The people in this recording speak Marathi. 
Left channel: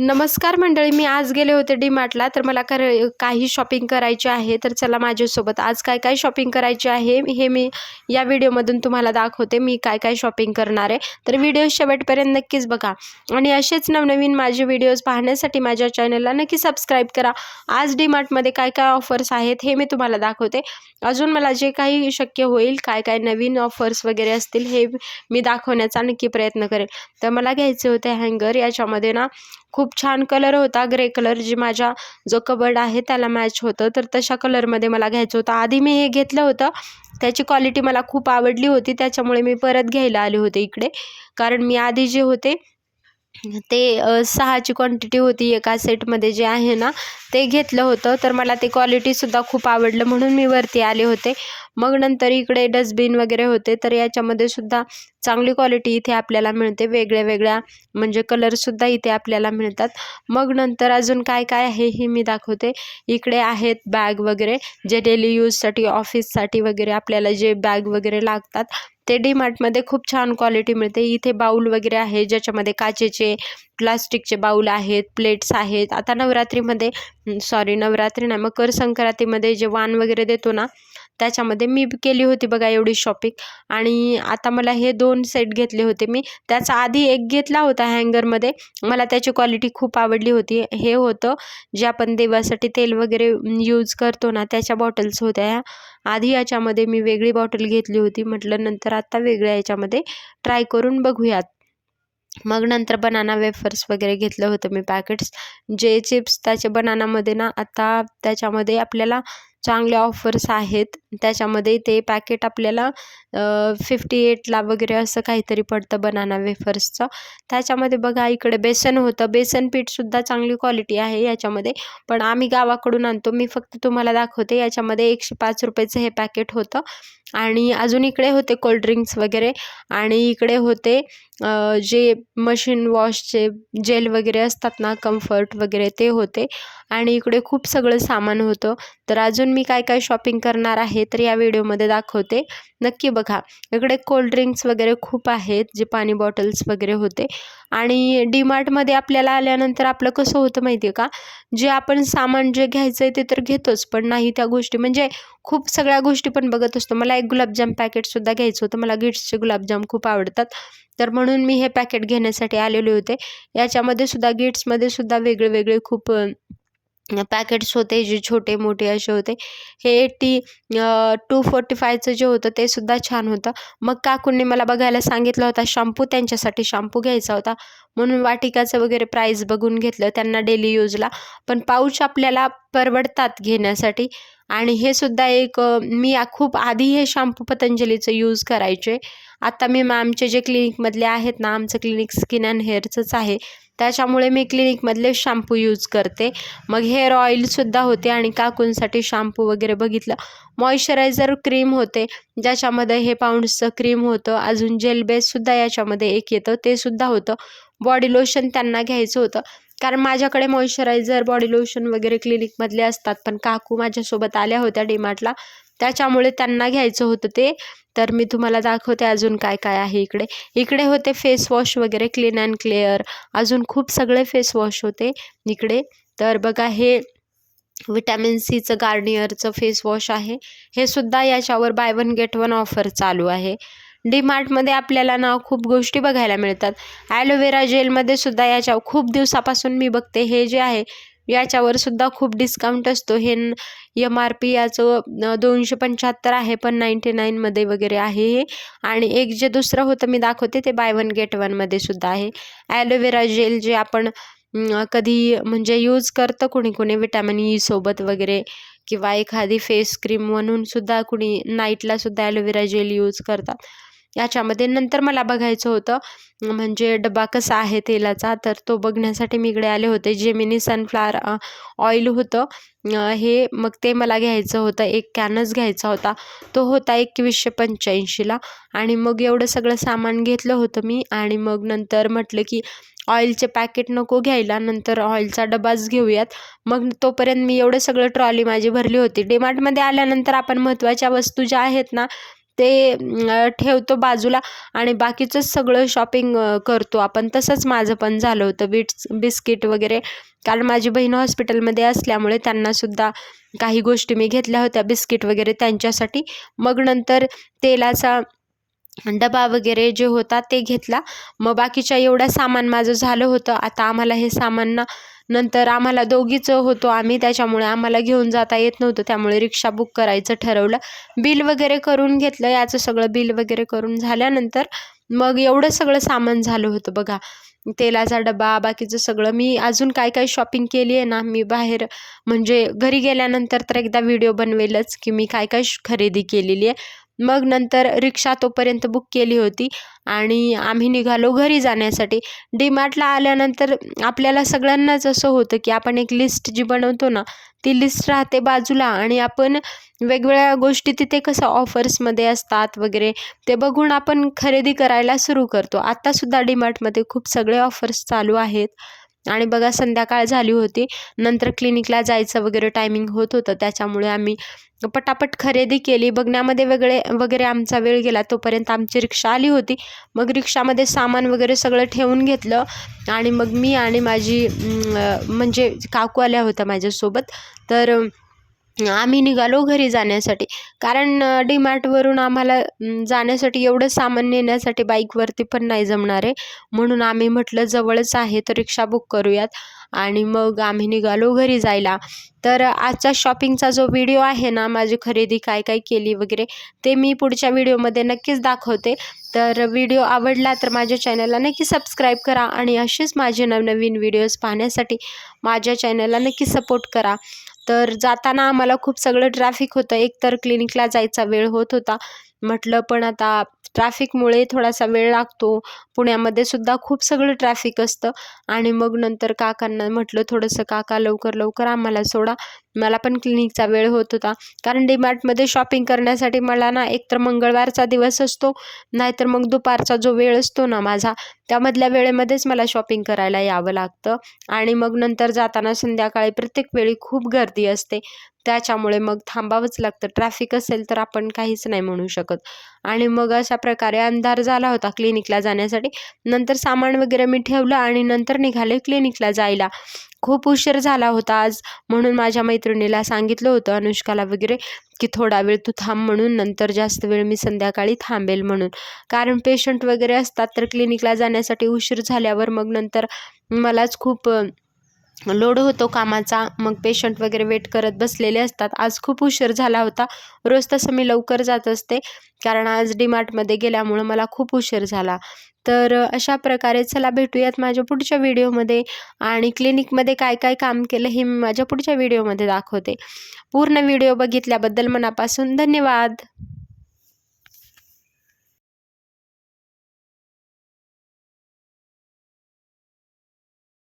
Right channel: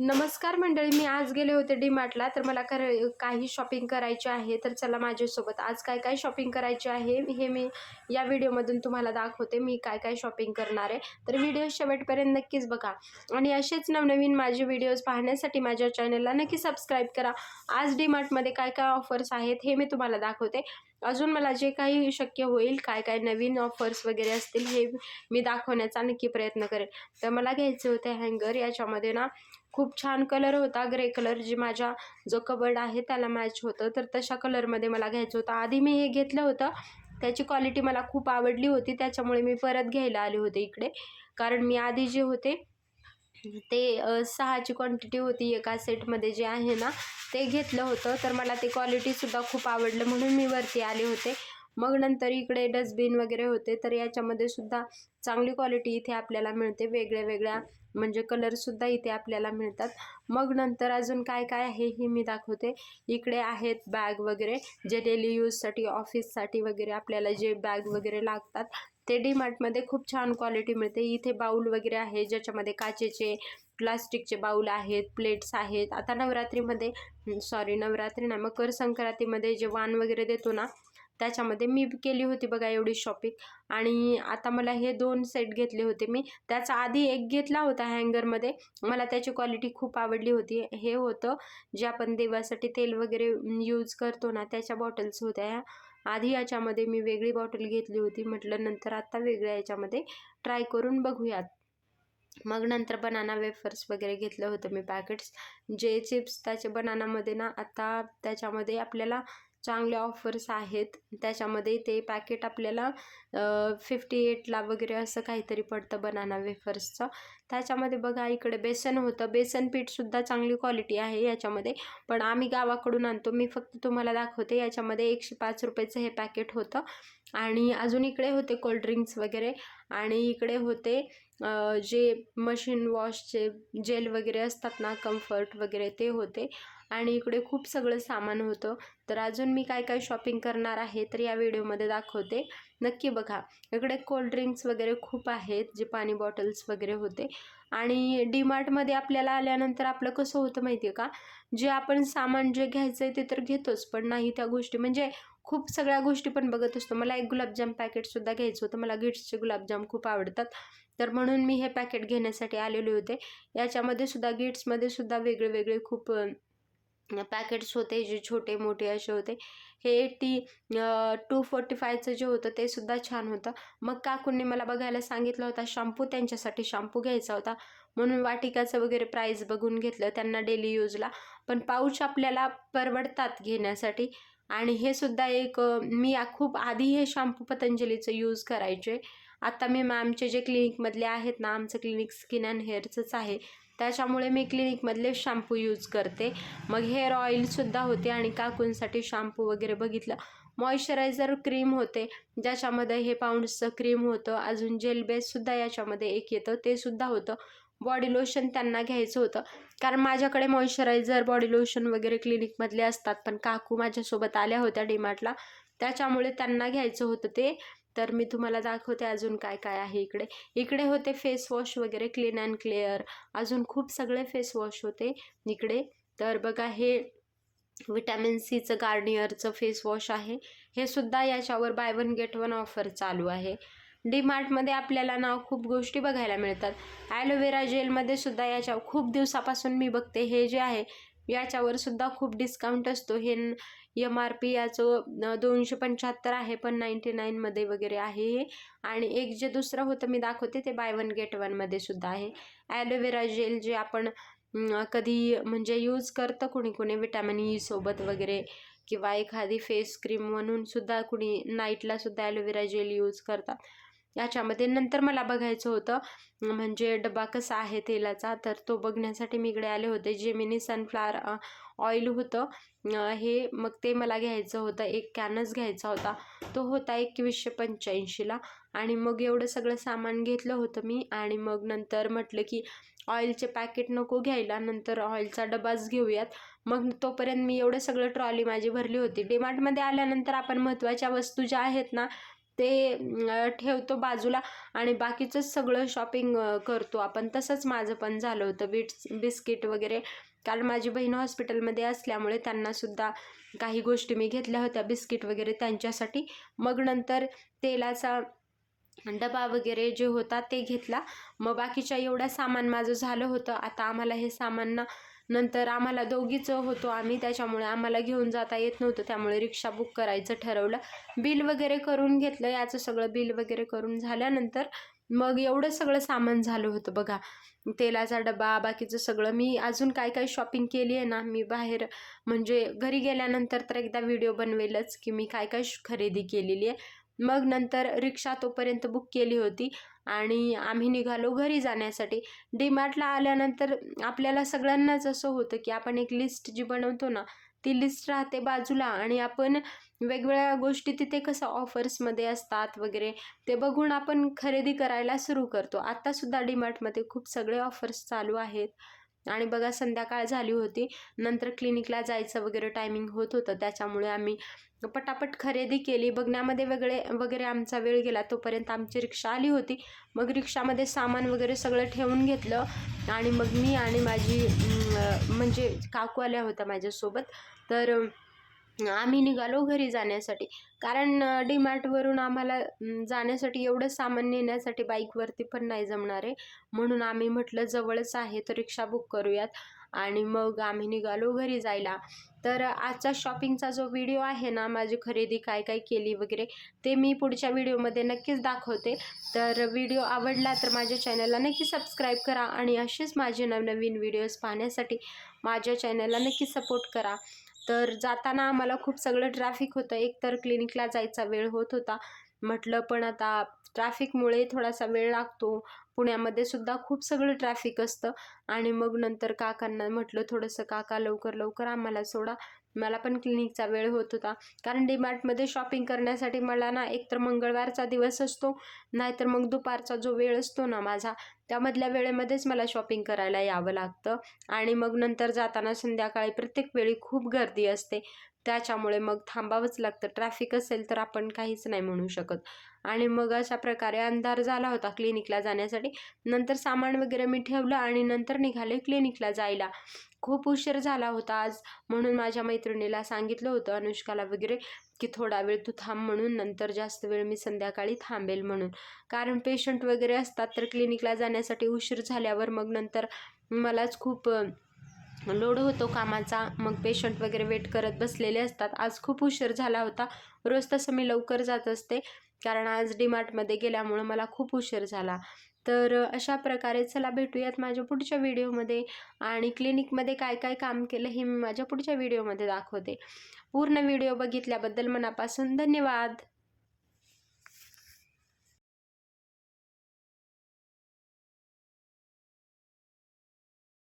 नमस्कार मंडळी मी आज गेले होते डी मार्टला तर मला कर काही शॉपिंग करायचे आहे तर चला माझ्यासोबत. आज काय काय शॉपिंग करायचे आहे हे मी या व्हिडिओमधून तुम्हाला दाखवते मी काय काय शॉपिंग करणार आहे. तर व्हिडिओ शेवटपर्यंत नक्कीच बघा. आणि असेच नवनवीन माझे व्हिडिओज पाहण्यासाठी माझ्या चॅनलला नक्की सबस्क्राईब करा. आज डी मार्टमध्ये काय काय ऑफर्स आहेत हे मी तुम्हाला दाखवते. अजून मला जे काही शक्य होईल काय काय नवीन ऑफर्स वगैरे असतील हे मी दाखवण्याचा नक्की प्रयत्न करेल. तर मला घ्यायचे होते हँगर याच्यामध्ये ना खूप छान कलर होता ग्रे कलर जे माझ्या जो कबर्ड आहे त्याला मॅच होतं. तर तशा कलरमध्ये मला घ्यायचं होतं. आधी मी हे घेतलं होतं. त्याची क्वालिटी मला खूप आवडली होती. त्याच्यामुळे मी परत घ्यायला आले होते इकडे. कारण मी आधी जे होते ते सहाची क्वांटिटी होती एका सेटमध्ये जे आहे ना ते घेतलं होतं. तर मला ते क्वालिटीसुद्धा खूप आवडलं. म्हणून मी वरती आले होते. मग नंतर इकडे डस्टबिन वगैरे होते तर याच्यामध्ये सुद्धा चांगली क्वालिटी इथे आपल्याला मिळते. वेगळ्या वेगळ्या म्हणजे कलरसुद्धा इथे आपल्याला मिळतात. मग नंतर अजून काय काय आहे हे मी दाखवते. इकडे आहेत बॅग वगैरे जे डेली यूजसाठी ऑफिससाठी वगैरे आपल्याला जे बॅग वगैरे लागतात ते डी मार्टमध्ये खूप छान क्वालिटी मिळते. इथे बाऊल वगैरे आहे ज्याच्यामध्ये काचेचे प्लास्टिकचे बाऊल आहेत प्लेट्स आहेत. आता नवरात्रीमध्ये सॉरी नवरात्री नाही मकर संक्रांतीमध्ये जे वाण वगैरे देतो ना त्याच्यामध्ये मी केली होती बघा एवढी शॉपिंग आणि आता मला हे दोन सेट घेतले होते मी. त्याचा आधी एक घेतला होता हँगरमध्ये मला त्याची क्वालिटी खूप आवडली होती. हे होतं जे आपण देवासाठी तेल वगैरे यूज करतो ना त्याच्या बॉटल्स होत्या ह्या. आधी याच्यामध्ये मी वेगळी बॉटल घेतली होती. म्हटलं नंतर आत्ता वेगळ्या याच्यामध्ये ट्राय करून बघूयात. मग नंतर बनाना वेफर्स वगैरे घेतलं होतं मी पॅकेट्स जे चिप्स त्याचे बनानामध्ये ना आता त्याच्यामध्ये आपल्याला चांगले ऑफर्स आहेत. त्याच्यामध्ये ते पॅकेट आपल्याला फिफ्टी एटला वगैरे असं काहीतरी पडतं बनाना वेफर्सचं त्याच्यामध्ये बघा इकडे बेसन होतं. बेसन पीठसुद्धा चांगली क्वालिटी आहे याच्यामध्ये. पण आम्ही गावाकडून आणतो. मी फक्त तुम्हाला दाखवते. याच्यामध्ये एकशे पाच रुपयाचं हे पॅकेट होतं. आणि अजून इकडे होते कोल्ड्रिंक्स वगैरे. आणि इकडे होते जे मशीन वॉशचे जेल वगैरे असतात ना कम्फर्ट वगैरे ते होते. आणि इकडे खूप सगळं सामान होतं. तर अजून मी काय काय शॉपिंग करणार आहे तर या व्हिडिओमध्ये दाखवते. नक्की बघा. इकडे कोल्ड्रिंक्स वगैरे खूप आहेत जे पाणी बॉटल्स वगैरे होते. आणि डीमार्टमध्ये आपल्याला आल्यानंतर आपलं कसं होतं माहिती आहे का? जे आपण सामान जे घ्यायचं आहे ते तर घेतोच पण नाही त्या गोष्टी. म्हणजे खूप सगळ्या गोष्टी पण बघत असतो. मला एक गुलाबजाम पॅकेटसुद्धा घ्यायचं होतं. मला गिट्सचे गुलाबजाम खूप आवडतात. तर म्हणून मी हे पॅकेट घेण्यासाठी आलेले होते. याच्यामध्ये सुद्धा गिट्समध्ये सुद्धा वेगळे वेगळे खूप पॅकेट्स होते जे छोटे मोठे असे होते. हे एट्टी टू फोर्टी फायचं जे होतं ते सुद्धा छान होतं. मग काकूंनी मला बघायला सांगितलं होता शॅम्पू त्यांच्यासाठी शॅम्पू घ्यायचा होता. म्हणून वाटिकाचं वगैरे प्राईस बघून घेतलं त्यांना डेली यूजला पण पाऊच आपल्याला परवडतात घेण्यासाठी. आणि हे सुद्धा एक मी खूप आधी हे शॅम्पू पतंजलीचं यूज करायचे. आता मी मॅमचे जे क्लिनिकमधले आहेत ना आमचं क्लिनिक स्किन अँड हेअरचंच आहे. त्याच्यामुळे मी क्लिनिकमधले शॅम्पू यूज करते. मग हेअर ऑइलसुद्धा होते आणि काकूंसाठी शॅम्पू वगैरे बघितलं. मॉइश्चरायझर क्रीम होते ज्याच्यामध्ये हे पाऊंड्सचं क्रीम होतं. अजून जेल बेससुद्धा याच्यामध्ये एक येतं ते सुद्धा होतं. बॉडी लोशन त्यांना घ्यायचं होतं. कारण माझ्याकडे मॉइश्चरायझर बॉडी लोशन वगैरे क्लिनिकमधले असतात. पण काकू माझ्यासोबत आल्या होत्या डीमार्टला त्याच्यामुळे त्यांना घ्यायचं होतं ते. तर मी तुम्हाला दाखवते अजून काय काय आहे इकडे. इकडे होते फेस वॉश वगैरे क्लीन अँड क्लिअर अजून खूप सगळे फेस वॉश होते इकडे. तर बघा हे विटॅमिन सीचं गार्नियरचं फेस वॉश आहे. हे सुद्धा याच्यावर buy one get one offer चालू आहे. डी मार्टमध्ये आपल्याला ना खूप गोष्टी बघायला मिळतात. ॲलोवेरा जेलमध्ये सुद्धा याच्या खूप दिवसापासून मी बघते हे जे आहे याच्यावर सुद्धा खूप डिस्काउंट असतो. हे एम आर पी याचं दोनशे पंच्याहत्तर आहे पण नाईंटी नाईनमध्ये वगैरे आहे हे. आणि एक जे दुसरं होतं मी दाखवते ते बाय वन गेट वनमध्ये सुद्धा आहे. ॲलोवेरा जेल जे आपण कधी म्हणजे यूज करतं कुणी कुणी विटॅमिन ई e सोबत वगैरे किंवा एखादी फेस क्रीम म्हणून सुद्धा कुणी नाईटला सुद्धा ॲलोवेरा जेल यूज करतात. याच्यामध्ये नंतर मला बघायचं होतं म्हणजे डबा कसा आहे तेलाचा तर तो बघण्यासाठी मी इकडे आले होते. जेमिनी सनफ्लावर ऑइल होतं. हे मग ते मला घ्यायचं होतं. एक कॅनच घ्यायचा होता. तो होता एकवीसशे पंच्याऐंशीला. आणि मग एवढं सगळं सामान घेतलं होतं मी. आणि मग नंतर म्हटलं की ऑइलचे पॅकेट नको घ्यायला. नंतर ऑइलचा डबाच घेऊयात. मग तोपर्यंत मी एवढं सगळं ट्रॉली माझी भरली होती. डीमार्टमध्ये आल्यानंतर आपण महत्त्वाच्या वस्तू ज्या आहेत ना ते ठेवतो बाजूला आणि बाकीचंच सगळं शॉपिंग करतो. आपण तसंच माझं पण झालं होतं. बिट्स बिस्किट वगैरे. कारण माझी बहीण हॉस्पिटलमध्ये असल्यामुळे त्यांनासुद्धा काही गोष्टी मी घेतल्या होत्या. बिस्किट वगैरे त्यांच्यासाठी. मग नंतर तेलाचा डबा वगैरे जे होता ते घेतला. मग बाकीच्या एवढं सामान माझं झालं होतं. आता आम्हाला हे सामान ना नंतर आम्हाला दोघीच होतो आम्ही. त्याच्यामुळे आम्हाला घेऊन जाता येत नव्हतं. त्यामुळे रिक्षा बुक करायचं ठरवलं. बिल वगैरे करून घेतलं. याचं सगळं बिल वगैरे करून झाल्यानंतर मग एवढं सगळं सामान झालं होतं बघा. तेलाचा डबा बाकीचं सगळं. मी अजून काय काय शॉपिंग केली आहे ना मी बाहेर म्हणजे घरी गेल्यानंतर तर एकदा व्हिडिओ बनवेलच की मी काय काय श- खरेदी केलेली आहे. मग नंतर रिक्षा तोपर्यंत बुक केली होती. आणि आम्ही निघालो घरी जाण्यासाठी. डीमार्टला आल्यानंतर आपल्याला सगळ्यांनाच असं होतं की आपण एक लिस्ट जी बनवतो ना ती लिस्ट राहते बाजूला. आणि आपण वेगवेगळ्या गोष्टी तिथे कसं ऑफर्समध्ये असतात वगैरे ते बघून आपण खरेदी करायला सुरू करतो. आत्तासुद्धा डीमार्टमध्ये खूप सगळे ऑफर्स चालू आहेत. आणि बघा संध्याकाळ झाली होती. नंतर क्लिनिकला जायचं वगैरे टायमिंग होत होतं. त्याच्यामुळे आम्ही पटापट खरेदी केली. बघण्यामध्ये वेगळे वगैरे आमचा वेळ गेला. तोपर्यंत आमची रिक्षा आली होती. मग रिक्षामध्ये सामान वगैरे सगळं ठेवून घेतलं. आणि मग मी आणि माझी म्हणजे काकू आल्या होत्या माझ्यासोबत. तर आम्ही निघालो घरी जाण्यासाठी. कारण डी मार्टवरून आम्हाला जाण्यासाठी एवढं सामान नेण्यासाठी बाईकवरती पण नाही जमणार आहे. म्हणून आम्ही म्हटलं जवळच आहे तर रिक्षा बुक करूयात. आणि मग आम्ही निघालो घरी जायला. तर आजचा शॉपिंगचा जो व्हिडिओ आहे ना माझी खरेदी काय काय केली वगैरे ते मी पुढच्या व्हिडिओमध्ये नक्कीच दाखवते. तर व्हिडिओ आवडला तर माझ्या चॅनलला नक्की सबस्क्राईब करा आणि असेच माझे नवनवीन व्हिडिओज पाहण्यासाठी माझ्या चॅनलला नक्की सपोर्ट करा. तर जाताना आम्हाला खूप सगळं ट्रॅफिक होतं. एकतर क्लिनिकला जायचा वेळ होत होता. म्हटलं पण आता ट्रॅफिकमुळे थोडासा वेळ लागतो. पुण्यामध्ये सुद्धा खूप सगळं ट्रॅफिक असतं. आणि मग नंतर काकांना म्हटलं थोडंसं काका लवकर लवकर आम्हाला सोडा. मला पण क्लिनिकचा वेळ होत होता. कारण डीमार्टमध्ये शॉपिंग करण्यासाठी मला ना एकतर मंगळवारचा दिवस असतो नाहीतर मग दुपारचा जो वेळ असतो ना माझा त्यामधल्या वेळेमध्येच मला शॉपिंग करायला यावं लागतं. आणि मग नंतर जाताना संध्याकाळी प्रत्येक वेळी खूप गर्दी असते. त्याच्यामुळे मग थांबावंच लागतं. ट्रॅफिक असेल तर आपण काहीच नाही म्हणू शकत. आणि मग अशा प्रकारे अंधार झाला होता क्लिनिकला जाण्यासाठी. नंतर सामान वगैरे मी ठेवलं आणि नंतर निघाले क्लिनिकला जायला. खूप उशीर झाला होता आज. म्हणून माझ्या मैत्रिणीला सांगितलं होतं अनुष्काला वगैरे की थोडा वेळ तू थांब म्हणून नंतर जास्त वेळ मी संध्याकाळी थांबेल म्हणून. कारण पेशंट वगैरे असतात तर क्लिनिकला जाण्यासाठी उशीर झाल्यावर मग नंतर मलाच खूप लोड होतो कामाचा. मग पेशंट वगैरे वेट करत बसलेले असतात. आज खूप उशीर झाला होता. रोज तसं मी लवकर जात असते. कारण आज डीमार्टमध्ये गेल्यामुळं मला खूप उशीर झाला. तर अशा प्रकारे चला भेटूयात माझ्या पुढच्या व्हिडिओमध्ये आणि क्लिनिकमध्ये काय काय काम केलं हे मी माझ्या पुढच्या व्हिडिओमध्ये दाखवते. पूर्ण व्हिडिओ बघितल्याबद्दल मनापासून धन्यवाद.